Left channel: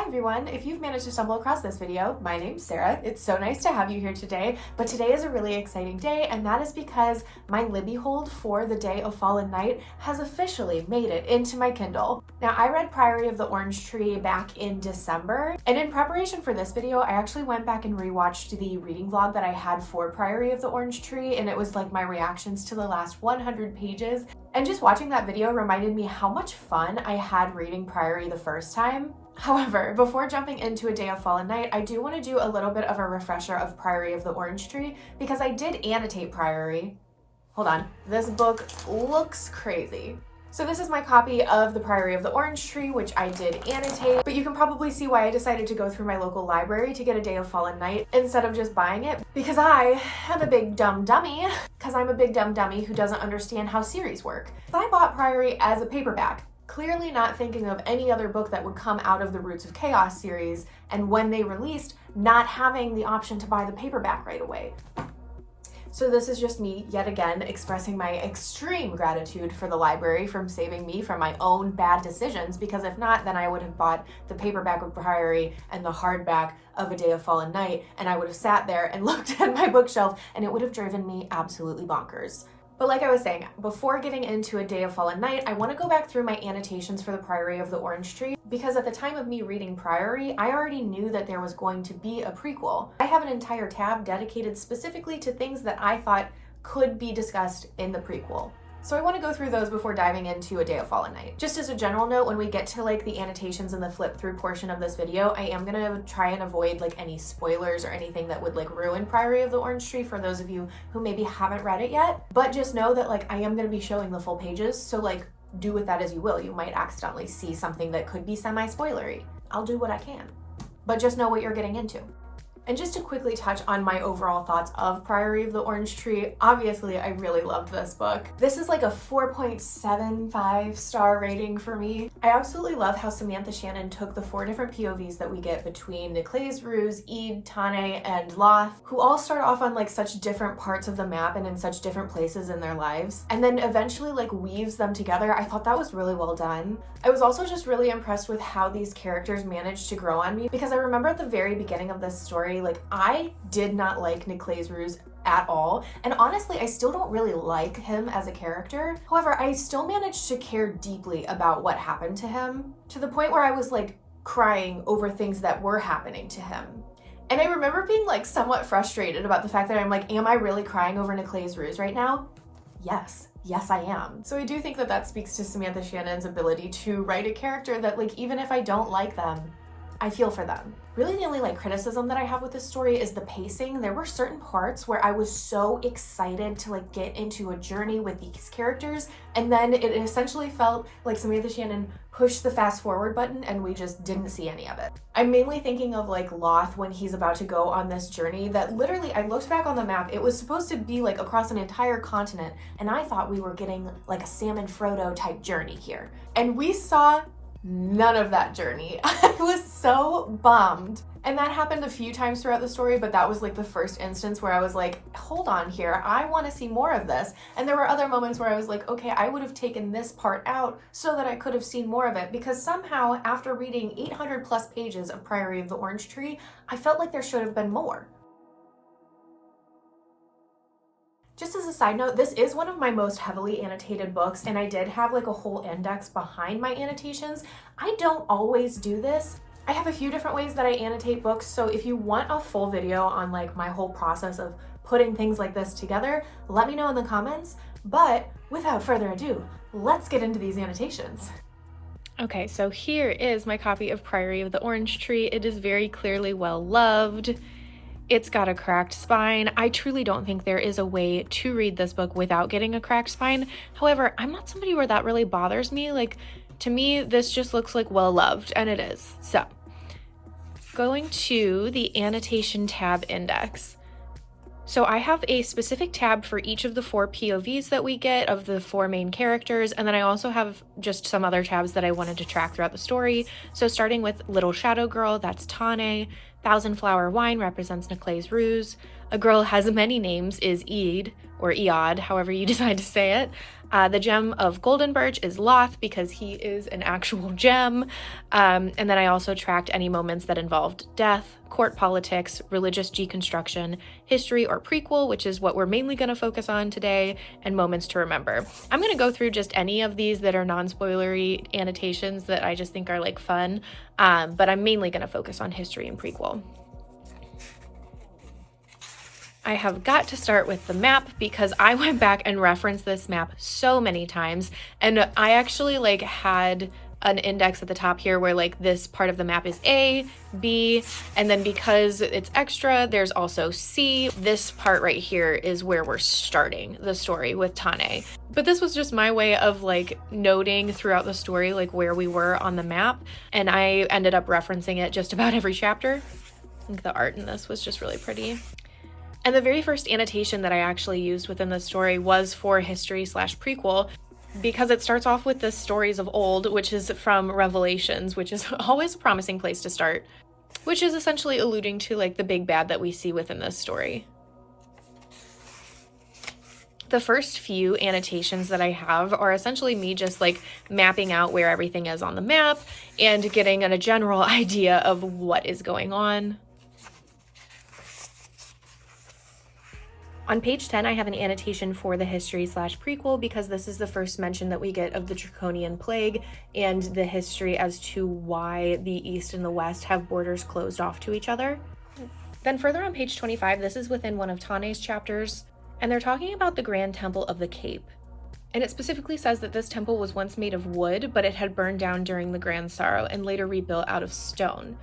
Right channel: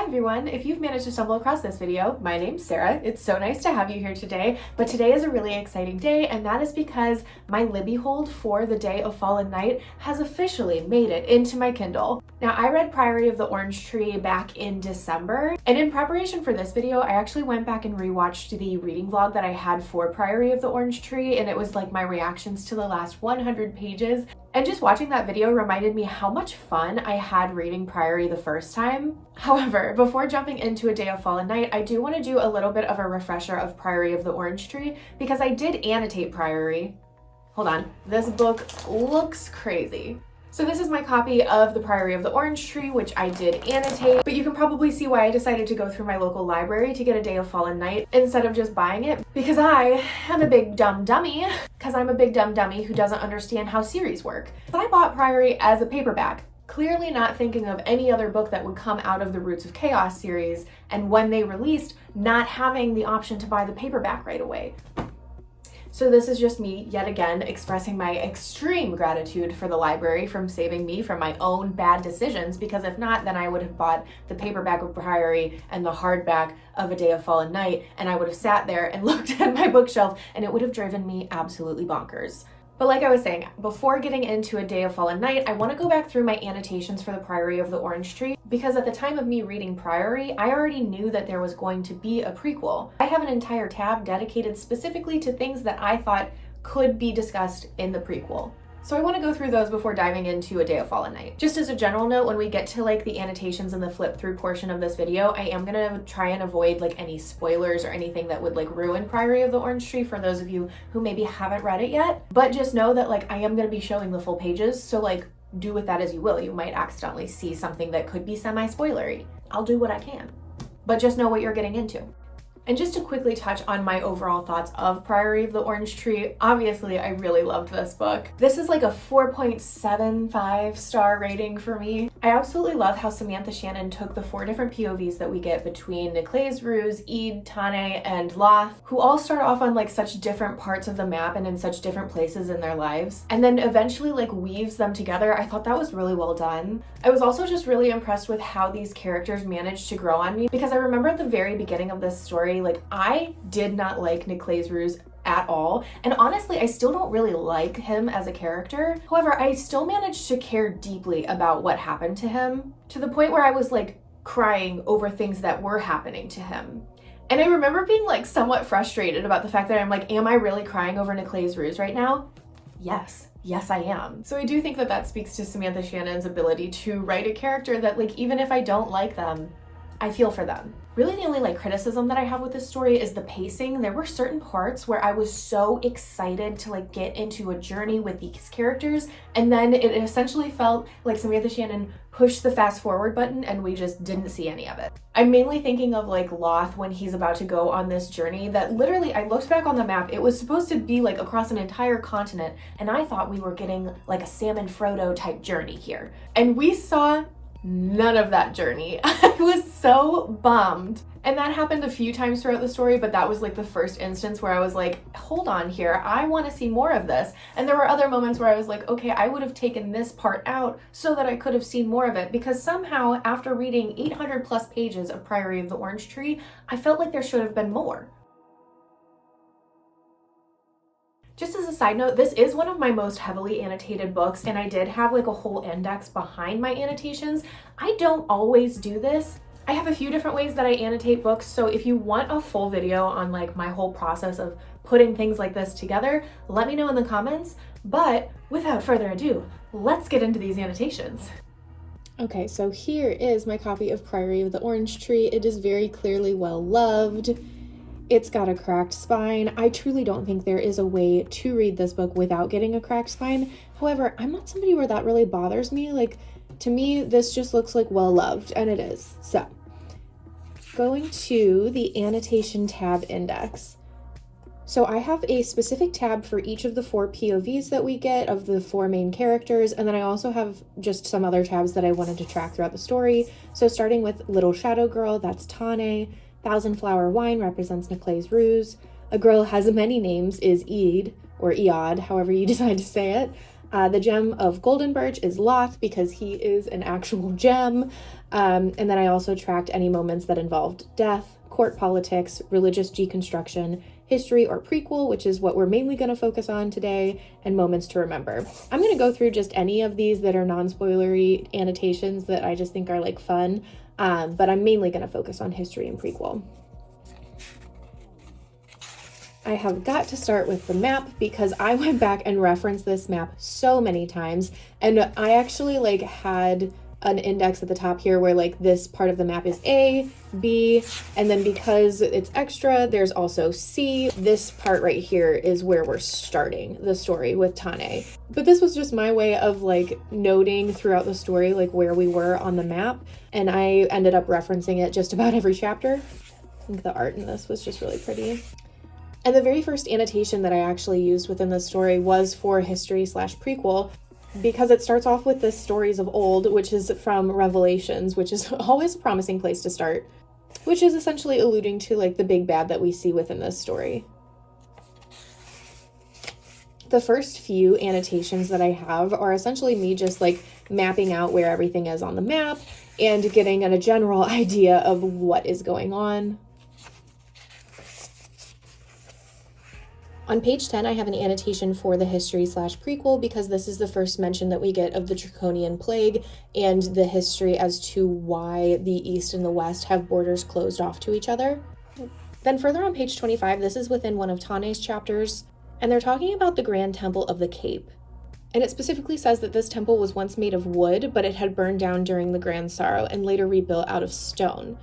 Hi everyone, if you've managed to stumble across this video, my name's Sarah. It's so nice to have you here today, but today is a really exciting day, and that is because my Libby hold for The Day of Fallen Night has officially made it into my Kindle. Now, I read Priory of the Orange Tree back in December, and in preparation for this video, I actually went back and rewatched the reading vlog that I had for Priory of the Orange Tree, and it was like my reactions to the last 100 pages. And just watching that video reminded me how much fun I had reading Priory the first time. However, before jumping into A Day of Fallen Night, I do want to do a little bit of a refresher of Priory of the Orange Tree because I did annotate Priory. Hold on, this book looks crazy. So this is my copy of the Priory of the Orange Tree, which I did annotate, but you can probably see why I decided to go through my local library to get A Day of Fallen Night instead of just buying it, because I am a big dumb dummy, who doesn't understand how series work. I bought Priory as a paperback, clearly not thinking of any other book that would come out of the Roots of Chaos series, and when they released, not having the option to buy the paperback right away. So this is just me, yet again, expressing my extreme gratitude for the library from saving me from my own bad decisions, because if not, then I would have bought the paperback of Priory and the hardback of A Day of Fallen Night, and I would have sat there and looked at my bookshelf, and it would have driven me absolutely bonkers. But like I was saying, before getting into A Day of Fallen Night, I want to go back through my annotations for the Priory of the Orange Tree, because at the time of me reading Priory, I already knew that there was going to be a prequel. I have an entire tab dedicated specifically to things that I thought could be discussed in the prequel. So I want to go through those before diving into A Day of Fallen Night. Just as a general note, when we get to like the annotations and the flip through portion of this video, I am going to try and avoid like any spoilers or anything that would like ruin Priory of the Orange Tree for those of you who maybe haven't read it yet. But just know that like I am going to be showing the full pages, so like do with that as you will. You might accidentally see something that could be semi-spoilery. I'll do what I can. But just know what you're getting into. And just to quickly touch on my overall thoughts of Priory of the Orange Tree, obviously I really loved this book. This is like a 4.75 star rating for me. I absolutely love how Samantha Shannon took the 4 different POVs that we get between Niclai's Ruse, Ede, Tane, and Loth, who all start off on like such different parts of the map and in such different places in their lives, and then eventually like weaves them together. I thought that was really well done. I was also just really impressed with how these characters managed to grow on me, because I remember at the very beginning of this story, like I did not like Niclai's Ruse at all, and honestly I still don't really like him as a character. However, I still managed to care deeply about what happened to him, to the point where I was like crying over things that were happening to him. And I remember being like somewhat frustrated about the fact that I'm like, am I really crying over Niclai's Ruse right now? Yes, I am. So I do think that that speaks to Samantha Shannon's ability to write a character that like, even if I don't like them, I feel for them. Really the only like criticism that I have with this story is the pacing. There were certain parts where I was so excited to like get into a journey with these characters, and then it essentially felt like Samantha Shannon pushed the fast forward button and we just didn't see any of it. I'm mainly thinking of like Loth when he's about to go on this journey that literally, I looked back on the map, it was supposed to be like across an entire continent, and I thought we were getting like a Sam and Frodo type journey here. And we saw none of that journey. I was so bummed. And that happened a few times throughout the story, but that was like the first instance where I was like, hold on here, I want to see more of this. And there were other moments where I was like, okay, I would have taken this part out so that I could have seen more of it, because somehow after reading 800 plus pages of Priory of the Orange Tree, I felt like there should have been more. Just as a side note, this is one of my most heavily annotated books, and I did have like a whole index behind my annotations. I don't always do this. I have a few different ways that I annotate books, so if you want a full video on like my whole process of putting things like this together, let me know in the comments. But without further ado, let's get into these annotations. Okay, so here is my copy of Priory of the Orange Tree. It is very clearly well loved. It's got a cracked spine. I truly don't think there is a way to read this book without getting a cracked spine. However, I'm not somebody where that really bothers me. Like, to me, this just looks like well loved, and it is. So, going to the annotation tab index. So I have a specific tab for each of the 4 POVs that we get of the 4 main characters, and then I also have just some other tabs that I wanted to track throughout the story. So starting with Little Shadow Girl, that's Tane. Thousand Flower Wine represents Niclai's Ruse. A Girl Has Many Names is Ede, or Eod, however you decide to say it. The gem of golden birch is Loth because he is an actual gem. And then I also tracked any moments that involved death, court politics, religious deconstruction, history or prequel, which is what we're mainly going to focus on today, and moments to remember. I'm going to go through just any of these that are non-spoilery annotations that I just think are like fun, but I'm mainly going to focus on history and prequel. I have got to start with the map because I went back and referenced this map so many times, and I actually like had an index at the top here where like this part of the map is A, B, and then because it's extra, there's also C. This part right here is where we're starting the story with Tane. But this was just my way of like noting throughout the story like where we were on the map, and I ended up referencing it just about every chapter. I think the art in this was just really pretty. And the very first annotation that I actually used within the story was for history/prequel, because it starts off with the stories of old, which is from Revelations, which is always a promising place to start, which is essentially alluding to like the big bad that we see within this story. The first few annotations that I have are essentially me just like mapping out where everything is on the map and getting a general idea of what is going on. On page 10, I have an annotation for the history/prequel because this is the first mention that we get of the Draconian Plague and the history as to why the East and the West have borders closed off to each other. Then further on page 25, this is within one of Tane's chapters, and they're talking about the Grand Temple of the Cape. And it specifically says that this temple was once made of wood, but it had burned down during the Grand Sorrow and later rebuilt out of stone.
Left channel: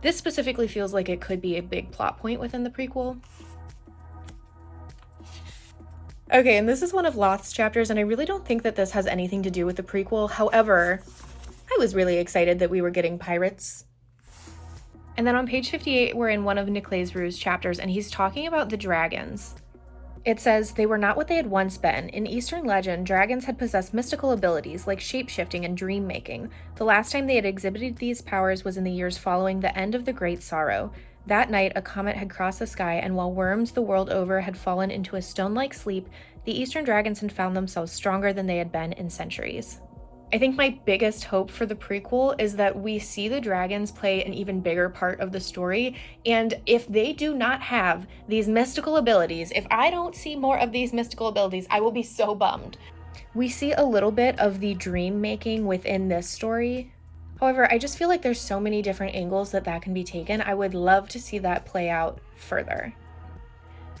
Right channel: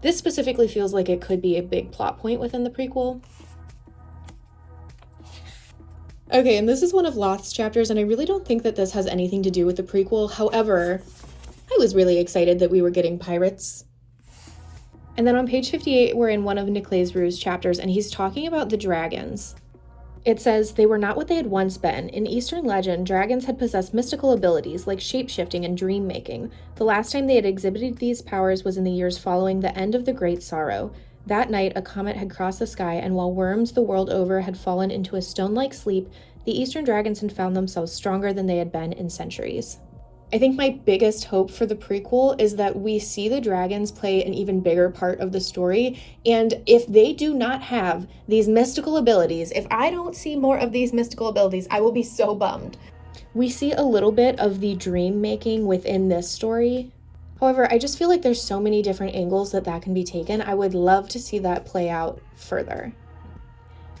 This specifically feels like it could be a big plot point within the prequel. Okay, and this is one of Loth's chapters, and I really don't think that this has anything to do with the prequel. However, I was really excited that we were getting pirates. And then on page 58, we're in one of Niclai's Rue's chapters, and he's talking about the dragons. It says, they were not what they had once been. In Eastern legend, dragons had possessed mystical abilities like shape-shifting and dream-making. The last time they had exhibited these powers was in the years following the end of the Great Sorrow. That night, a comet had crossed the sky, and while worms the world over had fallen into a stone-like sleep, the Eastern dragons had found themselves stronger than they had been in centuries. I think my biggest hope for the prequel is that we see the dragons play an even bigger part of the story, and if they do not have these mystical abilities, if I don't see more of these mystical abilities, I will be so bummed. We see a little bit of the dream making within this story. However, I just feel like there's so many different angles that can be taken. I would love to see that play out further.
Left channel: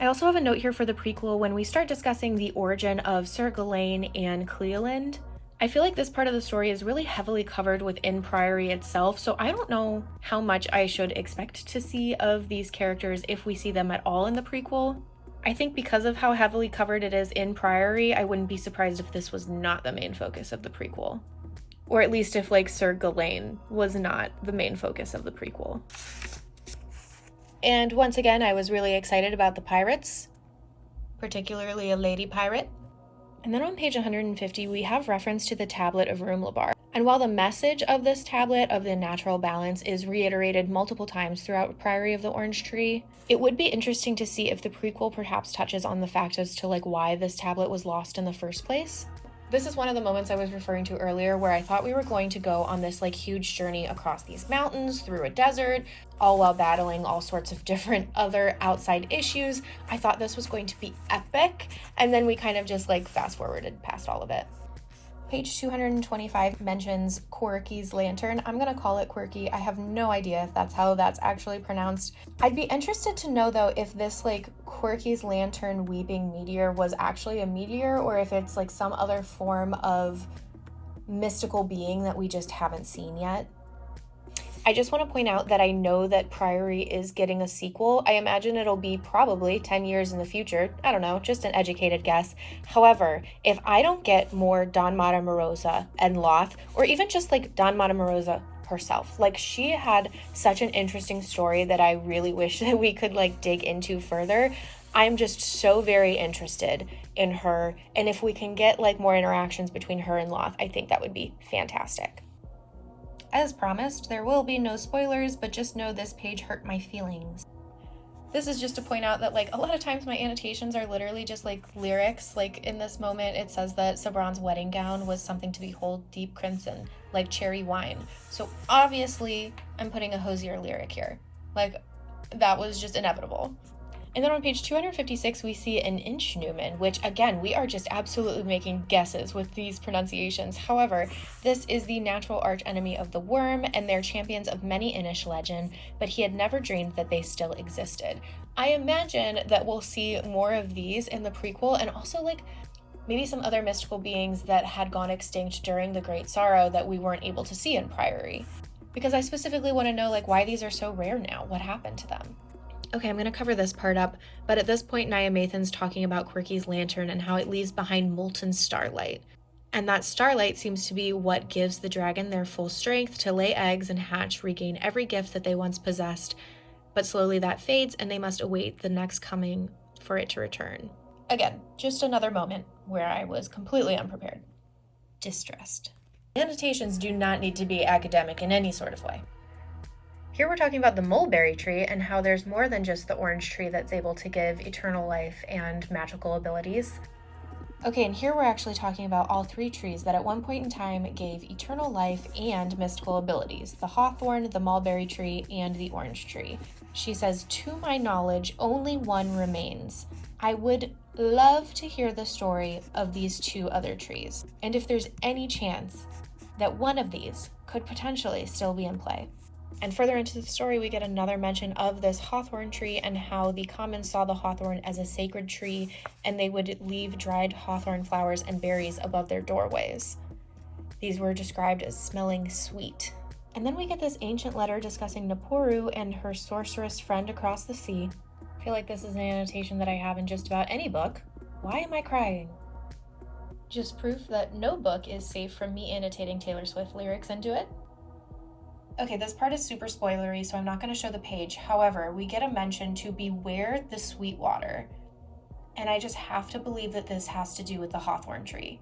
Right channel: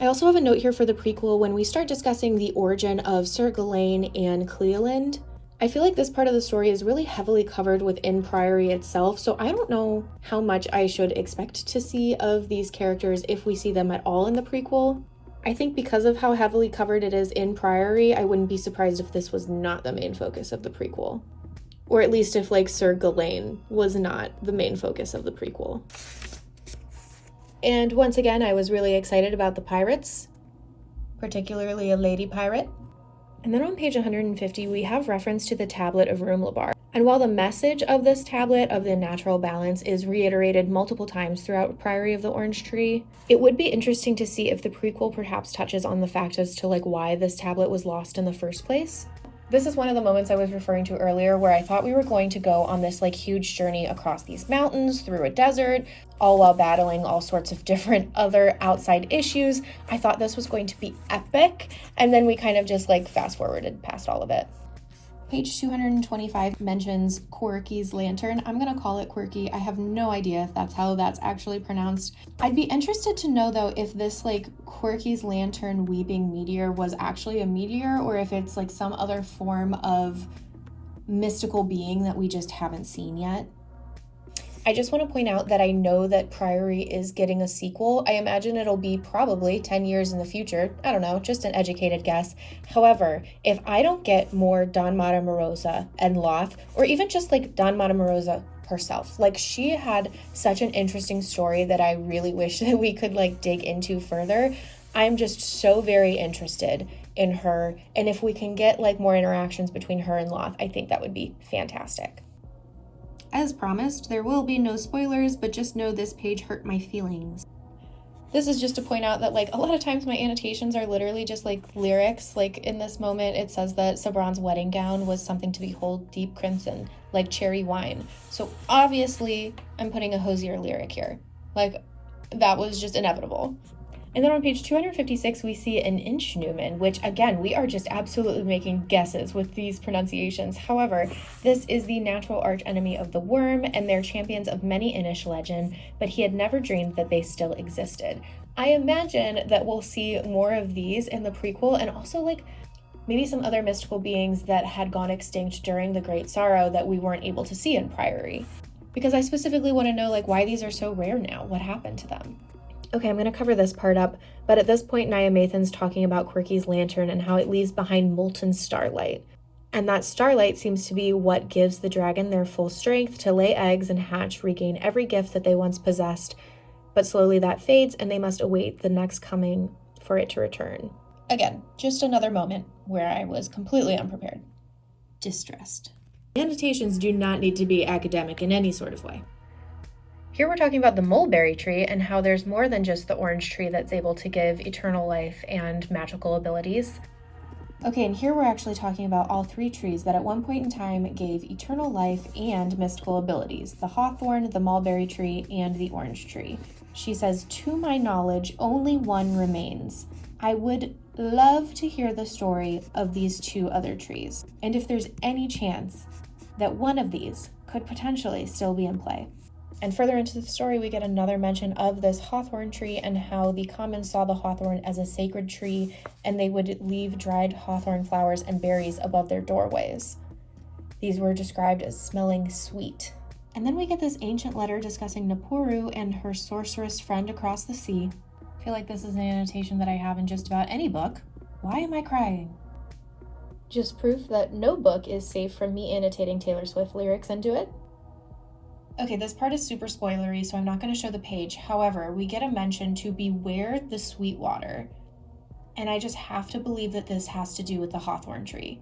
I also have a note here for the prequel when we start discussing the origin of Sir Gawain and Cleoland. I feel like this part of the story is really heavily covered within Priory itself, so I don't know how much I should expect to see of these characters if we see them at all in the prequel. I think because of how heavily covered it is in Priory, I wouldn't be surprised if this was not the main focus of the prequel. Or at least if like Sir Gawain was not the main focus of the prequel. And once again, I was really excited about the pirates, particularly a lady pirate. And then on page 150, we have reference to the tablet of Rumlabar. And while the message of this tablet of the natural balance is reiterated multiple times throughout Priory of the Orange Tree, it would be interesting to see if the prequel perhaps touches on the fact as to like why this tablet was lost in the first place. This is one of the moments I was referring to earlier where I thought we were going to go on this like huge journey across these mountains, through a desert, all while battling all sorts of different other outside issues. I thought this was going to be epic, and then we kind of just like fast forwarded past all of it. Page 225 mentions Quirky's lantern. I'm gonna call it Quirky. I have no idea if that's how that's actually pronounced. I'd be interested to know though if this like Quirky's lantern weeping meteor was actually a meteor or if it's like some other form of mystical being that we just haven't seen yet. I just want to point out that I know that Priory is getting a sequel. I imagine it'll be probably 10 years in the future. I don't know, just an educated guess. However, if I don't get more Don Mata Morosa and Loth, or even just like Don Mata Morosa herself, like she had such an interesting story that I really wish that we could like dig into further. I'm just so very interested in her, and if we can get like more interactions between her and Loth, I think that would be fantastic. As promised, there will be no spoilers, but just know this page hurt my feelings. This is just to point out that, like, a lot of times my annotations are literally just, like, lyrics. Like, in this moment, it says that Sabran's wedding gown was something to behold deep crimson, like cherry wine. So obviously, I'm putting a hosier lyric here. Like, that was just inevitable. And then on page 256, we see an inch Newman, which, again, we are just absolutely making guesses with these pronunciations. However, this is the natural archenemy of the worm, and they're champions of many Inish legend, but he had never dreamed that they still existed. I imagine that we'll see more of these in the prequel, and also, like, maybe some other mystical beings that had gone extinct during the Great Sorrow that we weren't able to see in Priory. Because I specifically want to know, like, why these are so rare now. What happened to them? Okay, I'm going to cover this part up, but at this point, Nyamathan's talking about Quirky's lantern and how it leaves behind molten starlight. And that starlight seems to be what gives the dragon their full strength to lay eggs and hatch, regain every gift that they once possessed. But slowly that fades, and they must await the next coming for it to return. Again, just another moment where I was completely unprepared. Distressed. Annotations do not need to be academic in any sort of way. Here we're talking about the mulberry tree and how there's more than just the orange tree that's able to give eternal life and magical abilities. Okay, and here we're actually talking about all three trees that at one point in time gave eternal life and mystical abilities: the hawthorn, the mulberry tree, and the orange tree. She says, "To my knowledge, only one remains. I would love to hear the story of these two other trees, and if there's any chance that one of these could potentially still be in play." And further into the story, we get another mention of this hawthorn tree and how the commons saw the hawthorn as a sacred tree, and they would leave dried hawthorn flowers and berries above their doorways. These were described as smelling sweet. And then we get this ancient letter discussing Napuru and her sorceress friend across the sea. I feel like this is an annotation that I have in just about any book. Why am I crying? Just proof that no book is safe from me annotating Taylor Swift lyrics into it. Okay, this part is super spoilery, so I'm not going to show the page. However, we get a mention to beware the sweet water. And I just have to believe that this has to do with the hawthorn tree.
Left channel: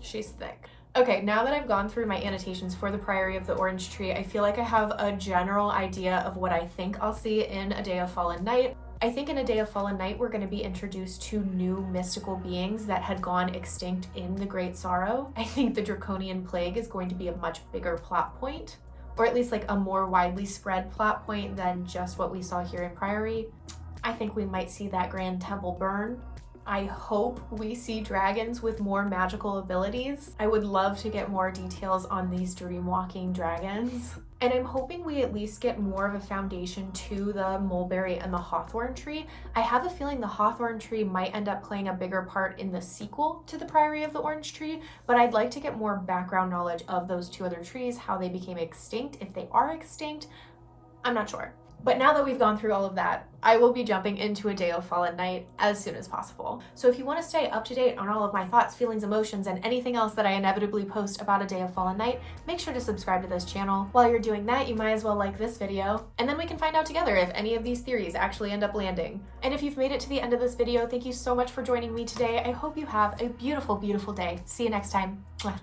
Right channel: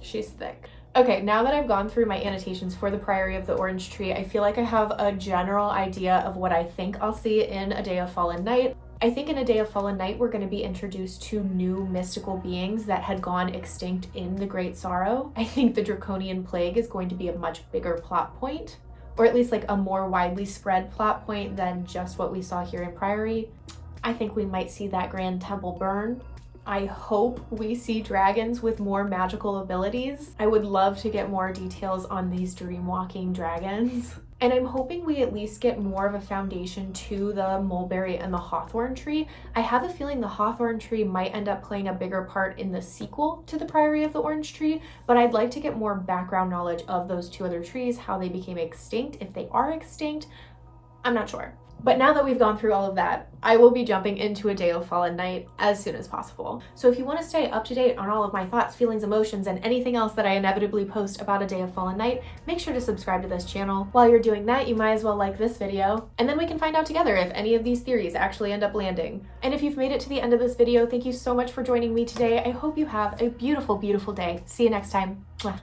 She's thick. Okay, now that I've gone through my annotations for the Priory of the Orange Tree, I feel like I have a general idea of what I think I'll see in A Day of Fallen Night. I think in A Day of Fallen Night, we're going to be introduced to new mystical beings that had gone extinct in the Great Sorrow. I think the Draconian Plague is going to be a much bigger plot point, or at least like a more widely spread plot point than just what we saw here in Priory. I think we might see that Grand Temple burn. I hope we see dragons with more magical abilities. I would love to get more details on these dream-walking dragons. And I'm hoping we at least get more of a foundation to the mulberry and the hawthorn tree. I have a feeling the hawthorn tree might end up playing a bigger part in the sequel to the Priory of the Orange Tree, but I'd like to get more background knowledge of those two other trees, how they became extinct, if they are extinct. I'm not sure. But now that we've gone through all of that, I will be jumping into A Day of Fallen Night as soon as possible. So if you want to stay up to date on all of my thoughts, feelings, emotions, and anything else that I inevitably post about A Day of Fallen Night, make sure to subscribe to this channel. While you're doing that, you might as well like this video, and then we can find out together if any of these theories actually end up landing. And if you've made it to the end of this video, thank you so much for joining me today. I hope you have a beautiful, beautiful day. See you next time. Mwah.